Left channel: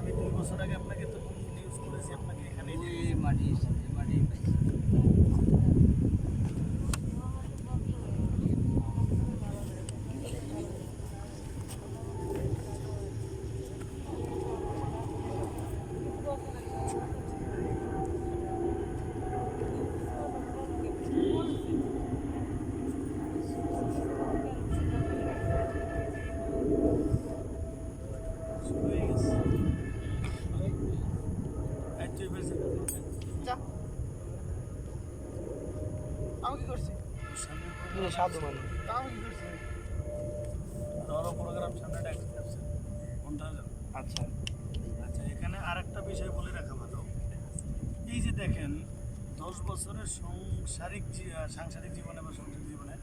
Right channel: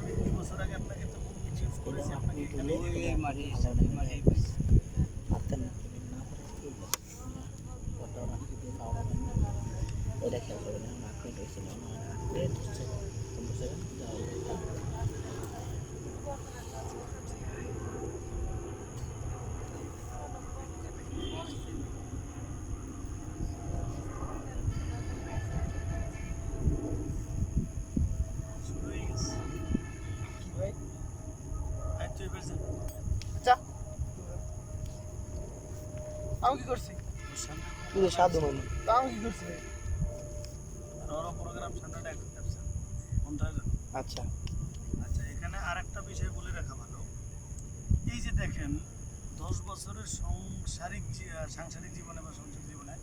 আমি দুই বছর আগে আপনাকে তো ইউজ করেছি আপনাকে এখানে মারি হিসাবে মারি পাইছি শুরু হয়ে গেছে এই তুই এবার যা। যা আমি কি করছি ওর সামনে কোনো তুই সাধু মানুষ তা আমি কি করছি আর ওরা প্রোগ্রাম সামনে ডাকতে যাচ্ছে কোনটা জানো আচ্ছা। আচ্ছা এখানে আরেকটা বিষয় বলে রাখা ভালো। এই যে দেখেন দশ বছরের সংসারিক সাংসারিক জীবনে বা সংসারিক জীবনে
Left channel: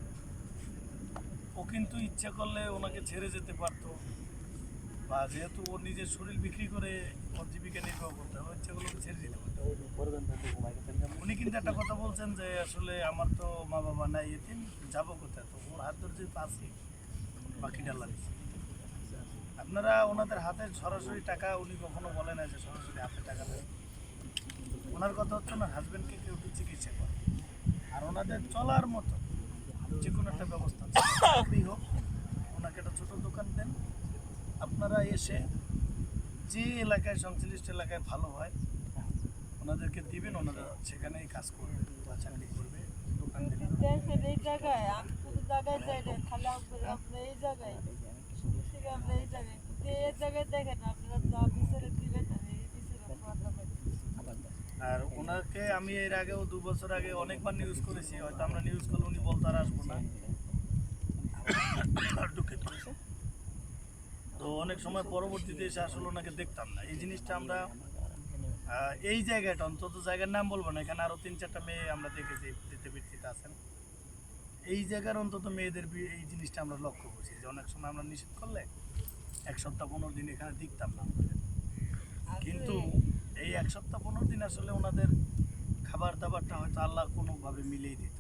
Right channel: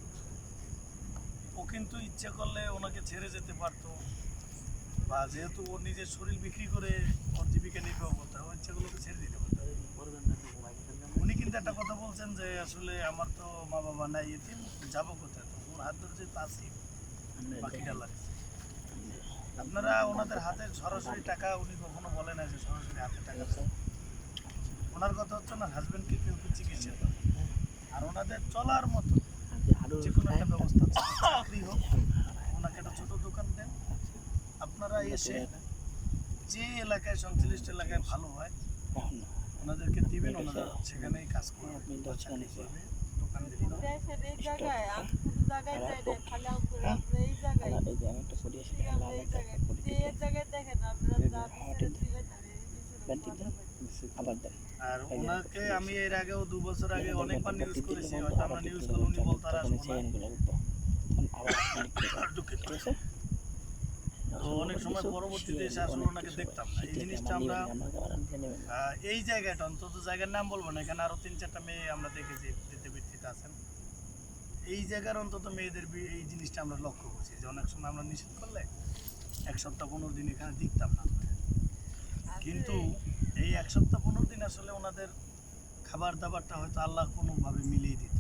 ও কিন্তু ইচ্ছা করলে ওনাকে ছেড়ে যেতে পারতো। বা যেহেতু ওর নিজের শরীর বিক্রি করে ওর জীবিকা নির্বাহ করতে ও ইচ্ছাগুলোকে ছেড়ে দিতে পারতো উনি কিন্তু একটা কথা বলছেন যে আসলে আমার তো মা বাবা নাই এতিম যাব কোথায়? তো ওর হাত ধরে যেহেতু আছি বাকিটা লাগছে আপনারা ওনাদের হাতে সরাসরি টাকা উনি কখনো বলে না যে সরাসরি হাতে টাকা দেন। ওনার কথা হচ্ছে না হাজবেন্ডকে কেউ একটু চিকিৎসা করে আর ওনাদের চলার মতো যে কোনো একটা ব্যবস্থা চাকরি হোক ওনাকে একটা ছোট দোকান দেন। আপনারা এসে যে এলাকায় সংশ্লিষ্ট এলাকায় ভালো হয় ওনাদেরকে দিবেন ওনারা সেখানেই কাজ করবে বা চাকরি করবে দোকান দিবে। আর ওনাকে আমি এর আগেও দু বছর আগে অনেকবার নিউজ করেছি হয়তো আমরা নিউজ করলে উনি বলতে আর আসব না দুঃখিত। অনেক সময় পরবর্তীতে এসে আসলে ওনাকে দেখতাম না। এই জিনিসটা আমরা এই জায়গাটা, অন্তত জায়গার নাম বলব না, এখানে আরও তিন চারটা মেয়ে আমরা দেখেছি বৃত্তিতে আছেন। এই জায়গার অন্তত মেয়েদের এই জিনিসটা আমরা লক্ষ্য করছি যে অনেক সময় আমরা নিষেধ করলে এক সপ্তাহ পনেরো দিন এখানে দেখতাম না কিন্তু এই এক সপ্তাহ পনেরো দিন আসলে ওনাদের খাবার দাবারটা হয়তো আল্লাহ কোনোভাবে মিলিয়ে দিত।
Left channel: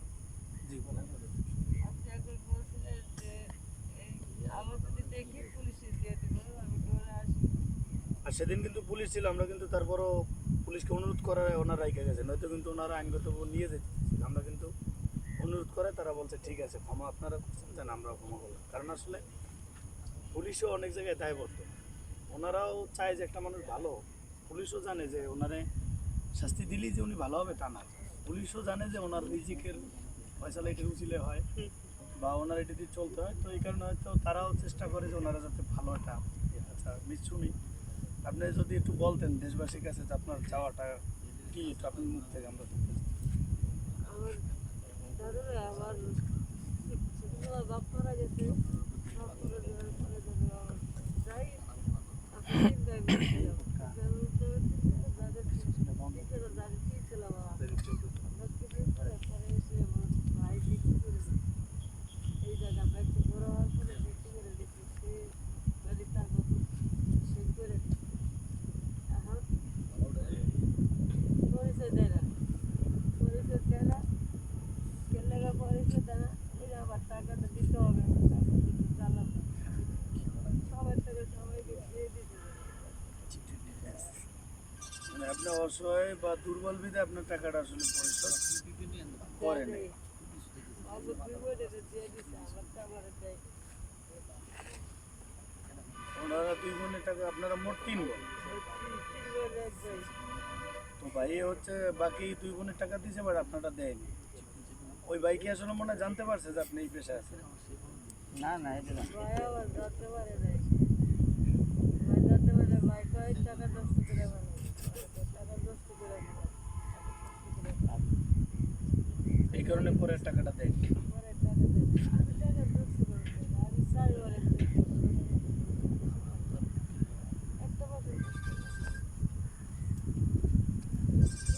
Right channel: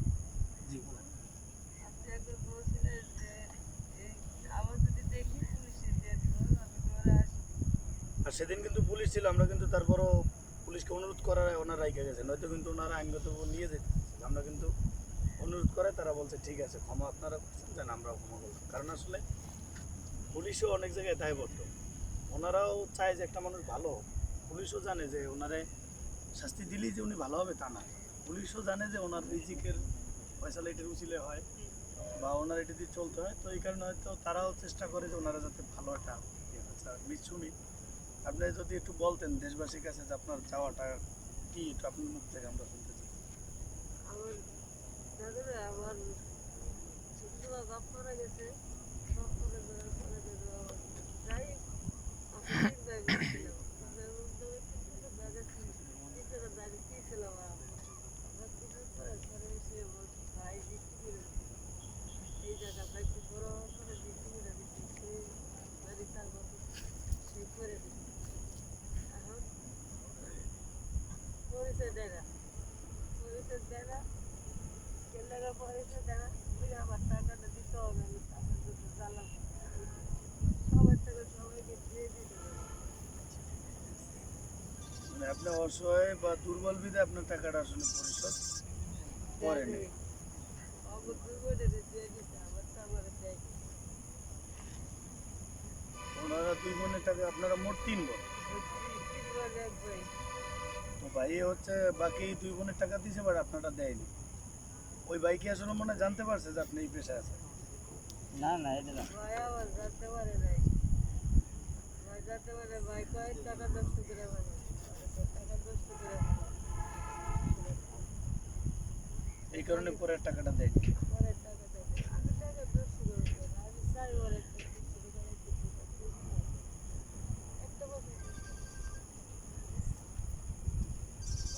জি, বলেন আপনি একবার বলছিলেন যে এই আবার যদি দেখি পুলিশে দিয়ে দিব আমি ডরে আসি আর সেদিন কিন্তু পুলিশ ছিল, আমরা কিন্তু তারপরও পুলিশকে অনুরোধ করার ওনারা রাইখে গেছে, নয়তো কিন্তু ওনারা আইনগত নিয়ে যেতে আমরা কিন্তু অনুরোধ করে তারা বলছে, ঠিক আছে, ক্ষমা আপনারা করছেন যেন আমরাও ক্ষমা করলাম কারণ আসলে পুলিশও অনেক জায়গায় দায়বদ্ধ ওনারাও চায় যে একটা মানুষ ভালো। পুলিশও জানে যে ওনারে শাস্তি দিলেই যে উনি ভালো হবে তা না পুলিশও জানে যে ওনার রিজিকের ফয়সালা এটির উচিলে হয় বা ওনার এটি দিয়ে চলতে হয় তো এই কারণে হয়তো তারাও চেষ্টা করে যে ওনারা যাতে ভালো একটা ইয়ে। আচ্ছা মিসুমি আপনি যদি একটু বলতেন দেশবাসীর কাছে যে আপনার চাওয়াটা কি, একটু আপনার মুখ থেকে আমরা শুনতে চাই আমার দাদুরে আমার ছোটবেলা বাপ মারা গেছে বাপ মারা যাওয়ার পরে দাদু আমার যাই আমি তিন ভাই বোন ছিলাম তিন ভাই বোন তো তিন ছিল, দাদা তিন ছিল, দাদি তিন ছিল আমার। আমরা কিছুদিন পরে পরে এসে আমার ভাই বিক্রি করে দিছে। এই জায়গাটা একটু বড় হওয়ার পরে বিক্রি করে দিচ্ছি সে বাড়ি তার মতো সে করে দিচ্ছে এখন পরিচয় দেয় না পরিচয় দেয় না কেলেগা পরিচয় দেয় না ওই যে আমার টাকাটা দিতে হবে আমি টাকা দুটো জ্বালাম সবার থেকে সবাইকে দিয়ে দিতে হবে মানে আপনি অসহায় বা দুর্বল বিধে আপনার টাকাটা আসলে পরিশোধ করেন ওনারা দুই বোনের টাকা আপনারা মোট তিন বোন। তো ভাই হচ্ছে বাকি দুই বোনের টাকা দিয়েছে বাট আপনারা দেয়নি। ওই ভাই কি আসলে মনে হয় জানতে পারছে যে আপনি এই পেশায় আছেন? না না এটা না। আবার জানতে পারে নাই। ভাই জানতে পারে ভাই কয় টাকা নষ্ট করে মানে টাকা নষ্ট করে মানে এই কারণে পরে টাকাটা একটা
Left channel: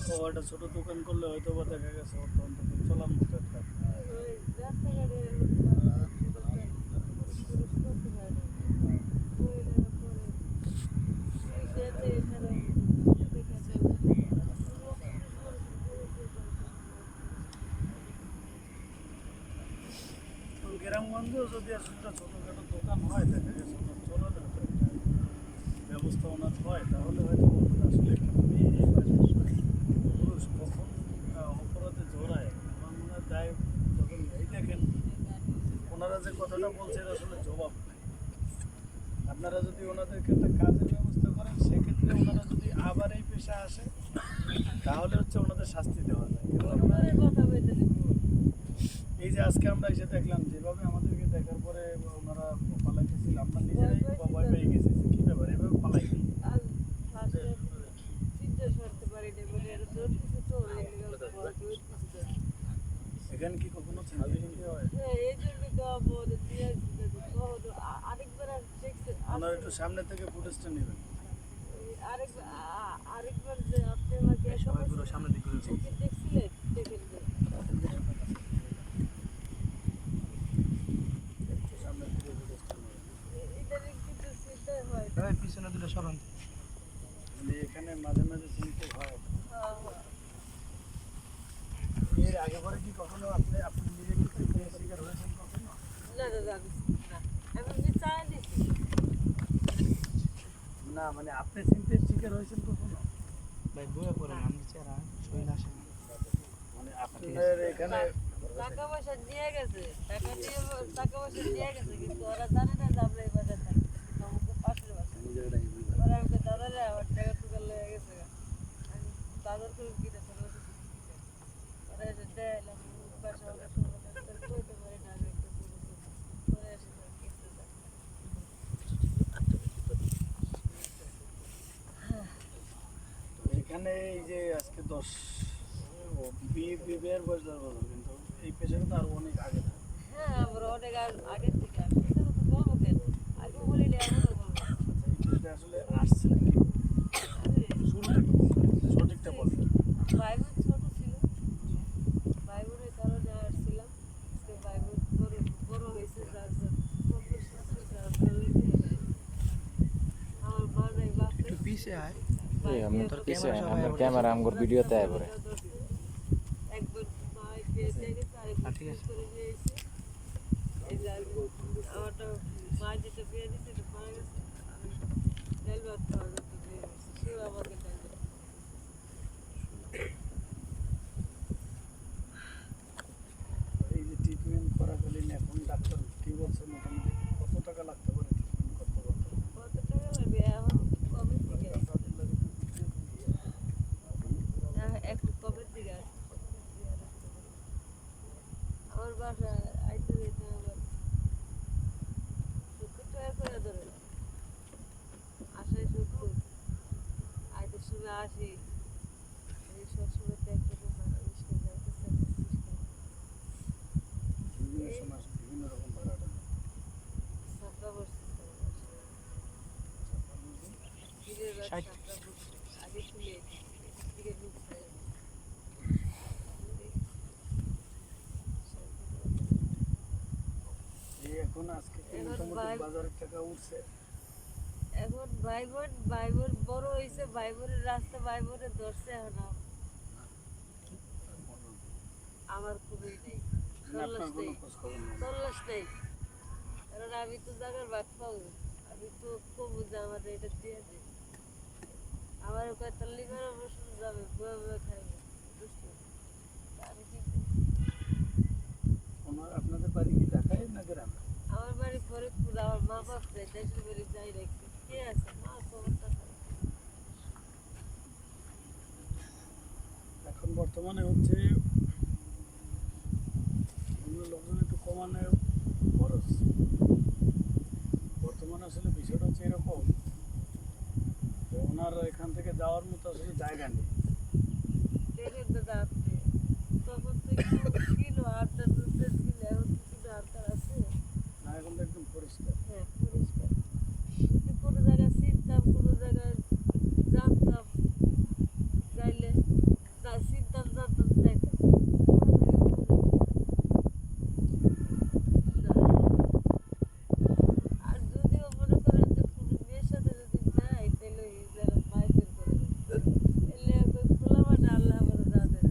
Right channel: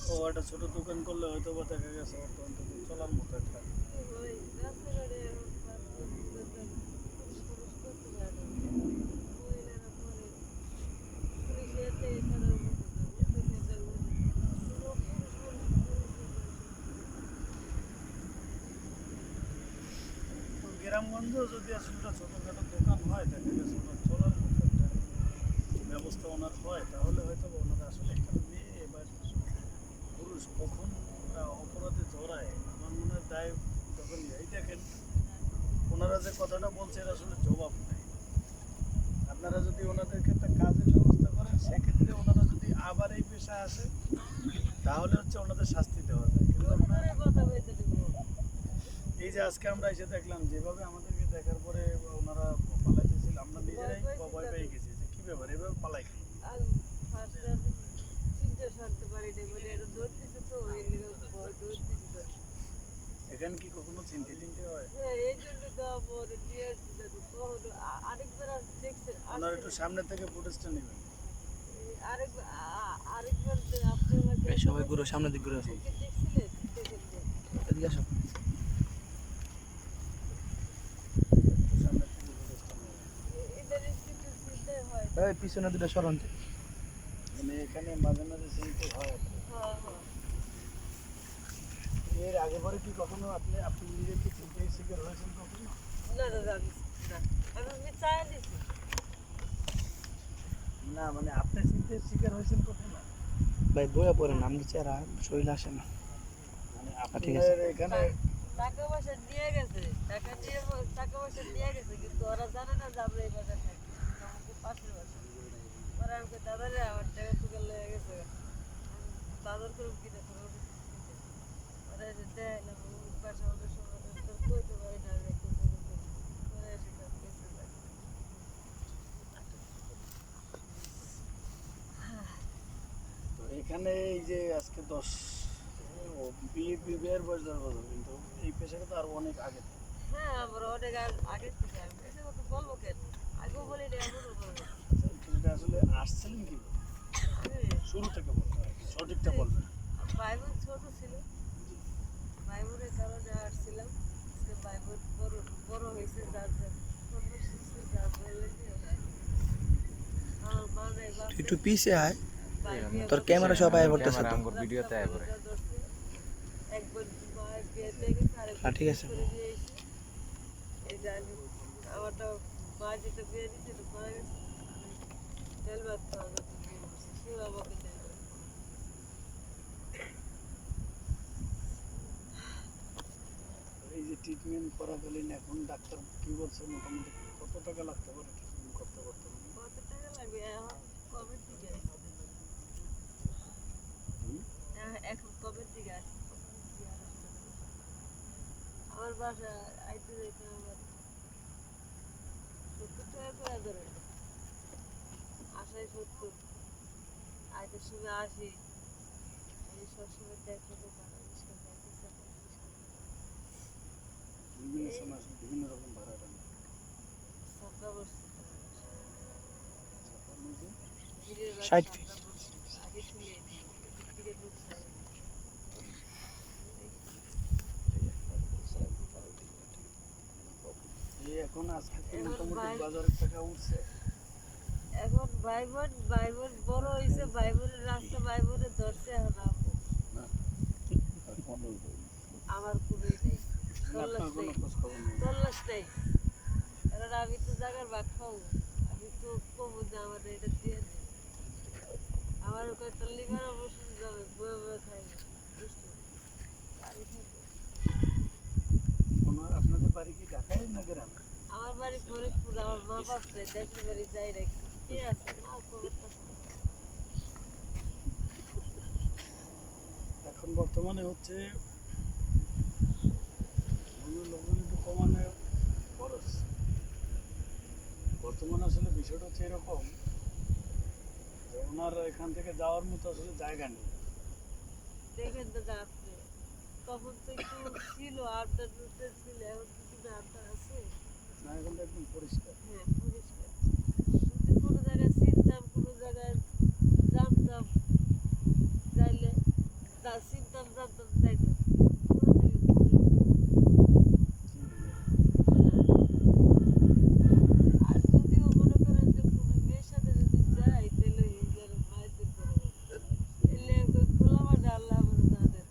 ও, একটা ছোট দোকান করলে হয়তো বা দেখা গেছে অন্তত চলার মতো একটা ওই রাস্তাঘাটে পুরুষ পুরুষ করতে পারে না মহিলারা করে পুলিশ এতে এখানে দেখাতে পুরো পুরুষ পুরুষ তো গ্রামগঞ্জেও যদি একটা ছোটোখাটো দোকান হয়, দেখা গেছে ওনার চলার মতো একটা ব্যবস্থা ওনার হয়, তাহলে হয়তো ওনারা আসলে একটা মেয়ে বা পুরুষ কখন অপরাধে জড়ায়। আমার মনে হয় দায় যখন এই দেখেন, ওনারা যে কথাটা বলছে এর আসলে জবাব নেই। আপনারা যদি ওনাদেরকে একটা কাজের ব্যবস্থা করেন, সেক্ষেত্রে ওনারা যদি আবার এই পেশা আসে, তাহলে হচ্ছে ওনাদের শাস্তি দেওয়া যায়। কিন্তু আপনার ওনারে কথা বলতে দিব এই যে আজকে আমরা এসে দেখলাম যেভাবে আমাদেরকে দেখার পরে ওনারা পালাইতেছিল আমরা নিজেরাই ভয় পেয়ে গেছি যে কি ব্যাপার এভাবে পালাই মানে। এখানে কি কখনো চিন্তা চিন্তা হয়? হ্যাঁ, একটু সামনে থেকে ফুটেজটা নেবেন। এই আরেকবার আ- আরেকবার যে আপনি আমাকে সবাই ঘুরো সামনের দিক ঘুরে আসো ওকে দেখছিলেন দেখেন যে এদিকে আসো একটু সামনে থেকে ফুটেজটা নেবেন এ- এটার একটু তো চিন্তাই হয় না। ওই পিছনে দুটো সরন মানে এখানে মাঝে মাঝে চিন্তা হয় হ্যাঁ। হ্যাঁ এর আগে পরে কি কখনো আপনি আপনি নিজে কি চিন্তায় শিকার হয়েছেন কখনো? না দাদা আমি না আমি আমি চাই না। মানে আপনি চিন্তায় শিকার হয়েছেন কখনো? ভাই বইয়া পড়েন আমরা চেহারা শরীর আসে না। মানে আপনার এখানে টাকা পয়সা দিয়ে গেছে টাকা দিয়ে টাকা পয়সা দিয়ে গেছে কিন্তু ওরা জানে না যে আমরা এই বাজার থাকি আমাকে পাশের বাজার আমার টাকা টুকা লেগে গেছে। আমি বাজার করে কিনে ছোট ছোট দিতে ওরা এসে দেখাইলাম বাসা ওরা শুনলো তোর কইতে পারি না আমি একটা ছোট ছোট ওরা এসে তার কেসে তো এখানে এই যে আজকে দশ বিয়ে বিয়ের বয়স দশ বছর কিন্তু এই পেশাটা তো আরও অনেক আগে। হ্যাঁ আমরা অনেক আগ- আগের থেকে। আমি বলব কেন? আগেও বলি না এখনও বলব আচ্ছা এই পেশাটা আসলে আসছিলেন কি? শুরু থেকে বলবেন সঠিকটা বলবেন ভাই বোন ছোট ছিল। ভাই কারণে আসছিলাম। বোন বড় বড় হয়েছে যার একটু পিছে আয়। তোর ক্যামেরা সব আয় আমার ক্যামেরা আমগর ভিডিওতে আয় পড়ে একবার মা বিয়ে দিয়ে গেছে আরেকবার হ্যাঁ, ঠিক আছে। এই যে আমারটা মা যেটা বিয়ে দিচ্ছে এটা মারা গেছে। তেল ভাত খাওয়া যেত বিয়ে করছে সেও আমাকে তেল ভাত খাওয়ায়। এই যে ট্রিটমেন্ট করাকালীন এখন ডাক্তার কি বলছে মোটামুটি কত টাকা লাগতে পারে ট্রিটমেন্ট করতে করতে কত টাকা লাগবে এখন কবে থেকে আসছে হ্যাঁ, এখন কবে থেকে আসছে প্রথমের দিকে আর আসতে দেবে না। আমার বাসা আইতে যাইতে আমার সত্তর টাকা করে ধরে আসাই সত্তর আইতের সময় আসি। আমি সবসময় তো একরকম ভাড়া যাইতেছে বিভিন্ন সময় বিভিন্ন রকম বসছে ষাট। সাপড়া বসছে। আগে শুনে থেকে লোক এখন আজকে মোটামুটি বাজারের টাকা উঠছে। এখন ভাই বোন বড় হয়েছে ভাইবোনের রাস্তা ভাই বোনের ধরছে আম- আমার খুবই নেই তল্লাশ নেই তল্লাশ কারণ আমি তো জায়গার ভাগ পাবো আমি তো কমু যে আমার এটা দিয়ে দিন আমার ওখানে তো লিভার অবশ্যই যাবে বয়ে বয়ে খাই বুঝতে আমি কি আপনাদের বাড়ি কি ঢাকায় না গ্রামে? আমার বাড়ি ফরিদপুর আমার মা বাপ দেশের বাড়ি যাই রাখি। এখন বর্তমানে হচ্ছে লোকজন একটু কমানো খরচ। বর্তমানে আসলে বিষয়টা হচ্ছে এরকম ওনার এখান থেকে যাওয়ার মতো আসলে জায়গা নেই। ছিল আড্ডার মধ্যে ছিল এখন কি কিন্তু আড্ডা আছে না এখন তো একদম পরিষ্কার হ্যাঁ পরিষ্কার যদি কোনো জায়গায় চিনতাম কোনো জায়গায় জানতাম যাইলে তা চিনতাম জানতাম যাইতাম কোনো জায়গায় না। আর যদিও মনে করেন যে কোনো মেয়ের সাথে যদি যাই তাহলে এই যারা মাইজের করে এলে ওই খোলা মাঠে আল্লাহ আমার যা দেন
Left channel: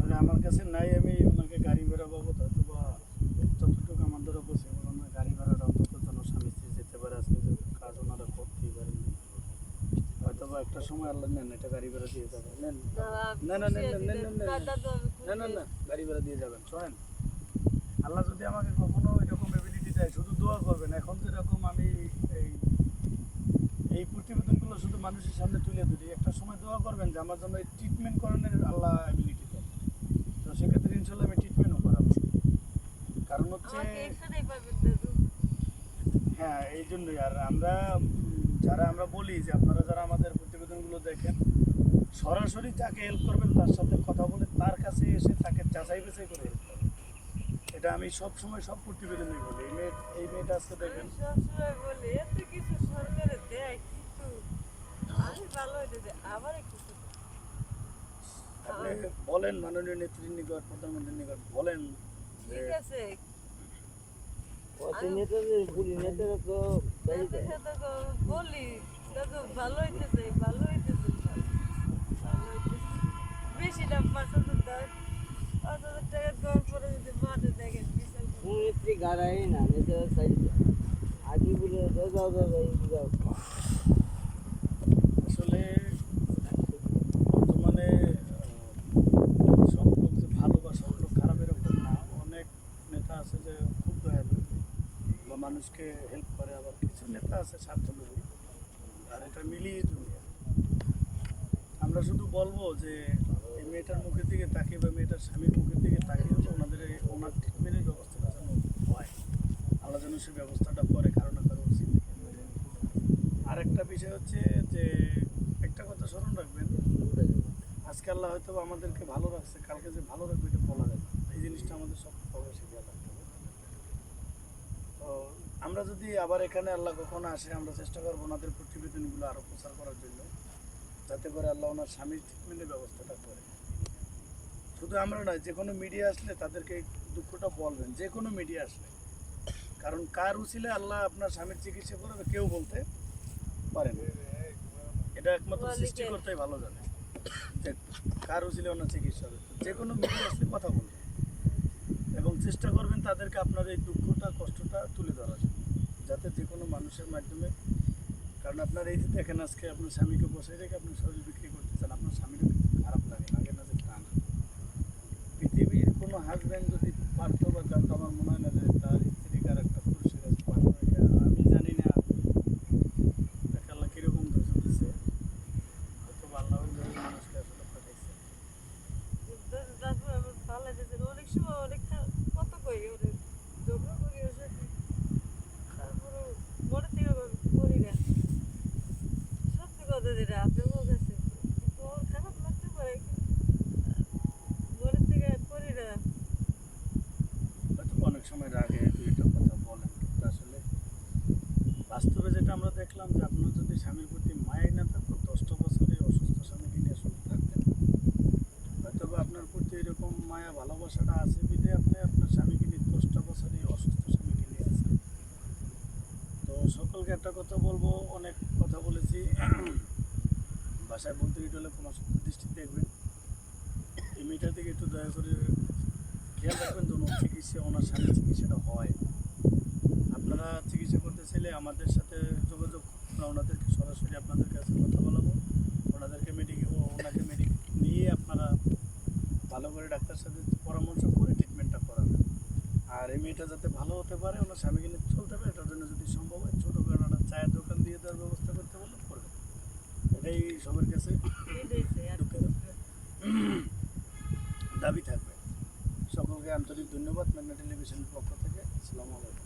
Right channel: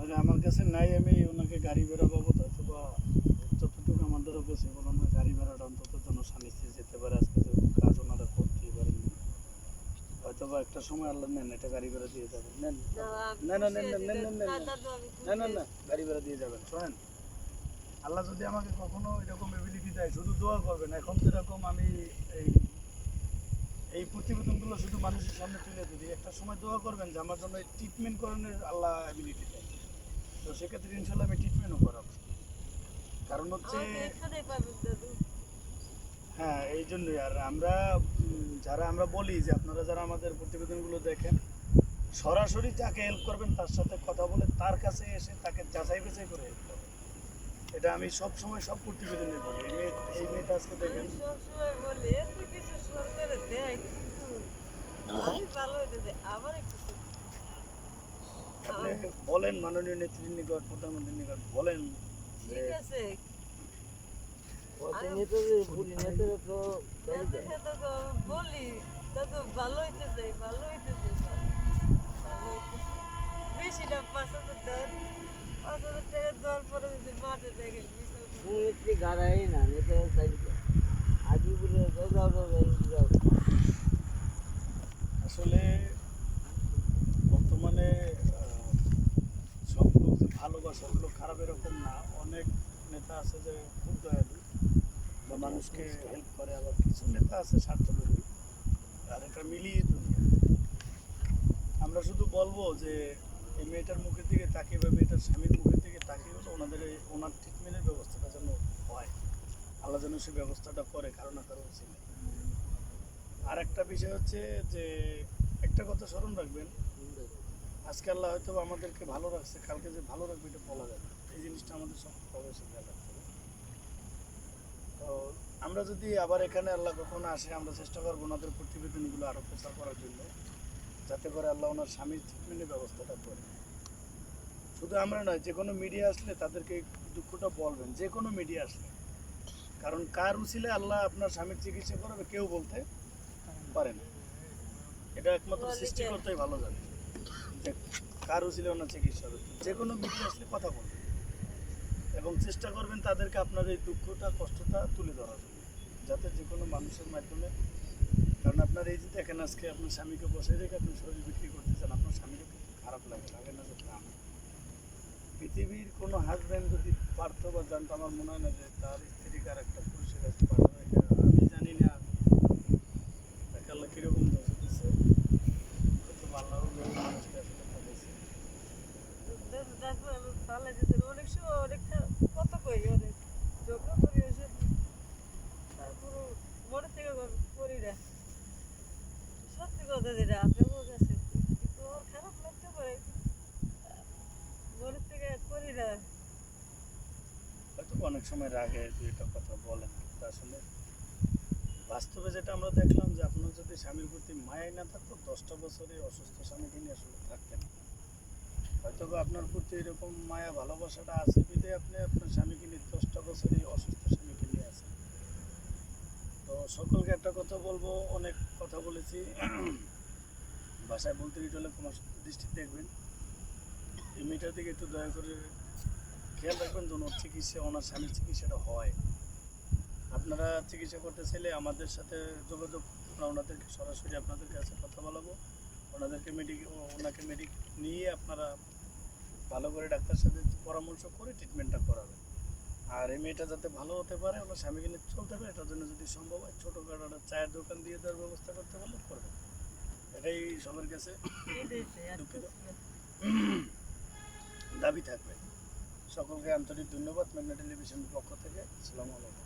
আর আমার কাছে নাই আমি ওনাকে গাড়ি ভাড়া বাবদ হয়তো বা যতটুকু আমার দ্বারা পসিবল ওনার গাড়ি ভাড়াটা অন্তত যেন স্বামী স্ত্রী যেতে পারে আজকে যেহেতু কাজ ওনার বাবা একটা সময় আল্লাহ নেন এটা গাড়ি ভাড়া দিয়ে যাবেন। নেন না, না, না, খুশি না, না, না, না, না। গাড়ি ভাড়া দিয়ে যাবেন শোনেন। আল্লাহ যদি আমাকে কখনো এরকম এবিলিটি দেয় শুধু দোয়া করবেন। এখন তো এরকম আমি এই এই প্রতিবেদনগুলো শুধু মানুষের সামনে তুলে ধরি। একটা সময় দোয়া করবেন যে আমার জন্য এই ট্রিটমেন্ট করানোর আল্লাহ তো সেক্ষেত্রে ইনশাল্লাহ আমি ট্রিটমেন্টও করাবো কারণ হচ্ছে হ্যাঁ এই জন্যই। আর আমরা যারা আমরা বলি যে আপনারা যারা আমাদের প্রতিবেদনগুলো দেখেন সরাসরি যাকে হেল্প করবেন তার সাথে কথা বলে তার কাছে এসে তাকে যাচাই বাছাই করে হেল্প করবেন। এটা আমি সব সময় সব প্রতিবেদনে বলি। এই মেয়ে এই মেয়েটা আজকে দেখেন। সবসময় বলি এত কিছু সরকারে দেয় কিন্তু আমি ভালো হইতে আবার একটু আপনি বলেন মাননীয় নেত্রীর নিকট প্রধানমন্ত্রীর নিকট বলেন ঠিক আছে। বলি দাদু ভালো হইতে চাই ভালো হইতে চাই ভালো- ভালো হইতে বেশি না পাঁচ হাজার পাঁচ হাজার টাকা দেওয়ার পরে যদি মাঠে দেখেন একটি গাড়াই না নেতারা সাইডে আগে বলে যাও যাও যাও যাও। আসলে বর্তমানে আহ, সব লোক যে ভালো বা সব লোক খারাপ এরকম না অনেক নেতা আছে যে খুব দয়ালু বা হেল্প করে, আবার কিছু নেতা আছে স্বার্থলোভী আর এটা মিলিয়ে দুনিয়া। আমরা শুধু বলব যে, এই মেয়েটার মুখের দিকে তাকিয়ে বা মেয়েটার স্বামীর মুখের দিকে তাকিয়ে হলো ওনাদের ওনার ট্রিটমেন্টের ব্যবস্থাটা যেন হয়। আল্লাহ যেন সে ব্যবস্থাটা করে, কারও না কারও উচিত। আর একটা বিষয় হচ্ছে যে, একটা কথা স্মরণ রাখবেন, আজকে আল্লাহ হয়তো আমাদেরকে ভালো রাখছে, কালকে যে ভালো রাখবে এটা বলা যায় না। এই জিনিসটা আমাদের সব খেয়াল রাখতে হবে। তো আমরা যদি আবার এখানে আল্লাহ কখনো আসে আমরা চেষ্টা করব ওনাদের প্রতিবেদনগুলো আরও প্রচার করার জন্য যাতে করে আল্লাহ ওনার স্বামীর ট্রিটমেন্টের ব্যবস্থাটা করে। শুধু আমরা নয় যে কোনো মিডিয়া আসলে তাদেরকে দুঃখটা বলবেন যে কোনো মিডিয়া আসলে। কারণ কার উচিলে আল্লাহ আপনার স্বামীর চিকিৎসা করবে কেউ বলতে পারে না। এটা একমাত্র। সৃষ্টিকর্তাই ভালো জানে। যে কার উচিলে ওনার চিকিৎসা হবে? যে কোনো মিডিয়া আসলে কথা বলবেন। এবং চেষ্টা করবেন তাদেরকে আপনার এই দুঃখটা কষ্টটা তুলে ধরার জন্য। যাতে যে কোনো মানুষের মাধ্যমে, কারণ আপনার এই যে দেখেন আজকে আপনার স্বামীকে বসে রেখে আপনি শরীর বিক্রি করতে চান আপনার স্বামীরও কিন্তু খারাপ লাগে লাগে না যে তা না। পৃথিবীর কোনো হাজব্যান্ড যদি পারতো বা জানতো, আমার মনে হয় না যে তার স্ত্রীকে আর একটা পুরুষের কাছে পাঠানো এটা আমি জানি না, তাকে আল্লাহ কীরকম দোষ দিচ্ছে হয়তো আল্লাহ মানুষকে আসলে পাঠাইছে। অনেক সময় অনেক কত কই অনেক ঝগড়া করি ওর সাথে তারপরও মনে থেকে ভাবি করি না সত্যি কথা যেটা আপনার কাছে কিন্তু ওর খারাপ লাগতে পারে কিন্তু মনে থেকে করি না হয়তো বা অনেক সময় রাগে দুই একটা কথা বলেন কিন্তু আসলে বাস্তবে যেটা আমরা দেখলাম যে আপনার যদি স্বামীর প্রতি মায়াই না থাকতো, দশটা বছরে অসুস্থ স্বামীকে নিয়ে আসলে থাকতেন। হয়তো আপনার প্রতি এরকম মায়া, ভালোবাসাটা আছে বিধে আপনি আপনার স্বামীকে নিয়ে দশটা বছরে অসুস্থ স্বামীকে নিয়ে আসেন তো সকলকে একটা কথা বলব, অনেক কথা বলেছি। বাসায় বলতে গিয়ে হলে ক্ষমা দৃষ্টি দেখবেন। এই মেয়েটার দিকে একটু দয়া করে খেয়াল রাখবেন যেন চিকিৎসা, ওনার স্বামীর চিকিৎসাটা হয়। আপনারা চিকিৎসা করতে চাইলে আমাদের সাথে যোগাযোগ আমরা ওনাদেরকে সরাসরি আপনাদের কাছে কথা বলাবো। ওনাদেরকে মেডিকেল ওনাকে মেডিক নিয়ে আপনারা ভালো করে ডাক্তার সাথে পরামর্শ করে ট্রিটমেন্টটা করাবেন। আর এই মেয়েটা যাতে ভালো হতে পারে, ওনার স্বামীকে নিয়ে চলতে পারে, এটার জন্য যদি সম্ভব হয় ছোটোখাটো একটা চায়ের দোকান দিয়ে দেওয়ার ব্যবস্থা করতে পারলে করবেন। এটাই সবার কাছে। দাবি থাকবে। সকলকে আন্তরিক ধন্যবাদ, মেঘনা টেলিভিশনের পক্ষ থেকে। আসসালামু আলাইকুম।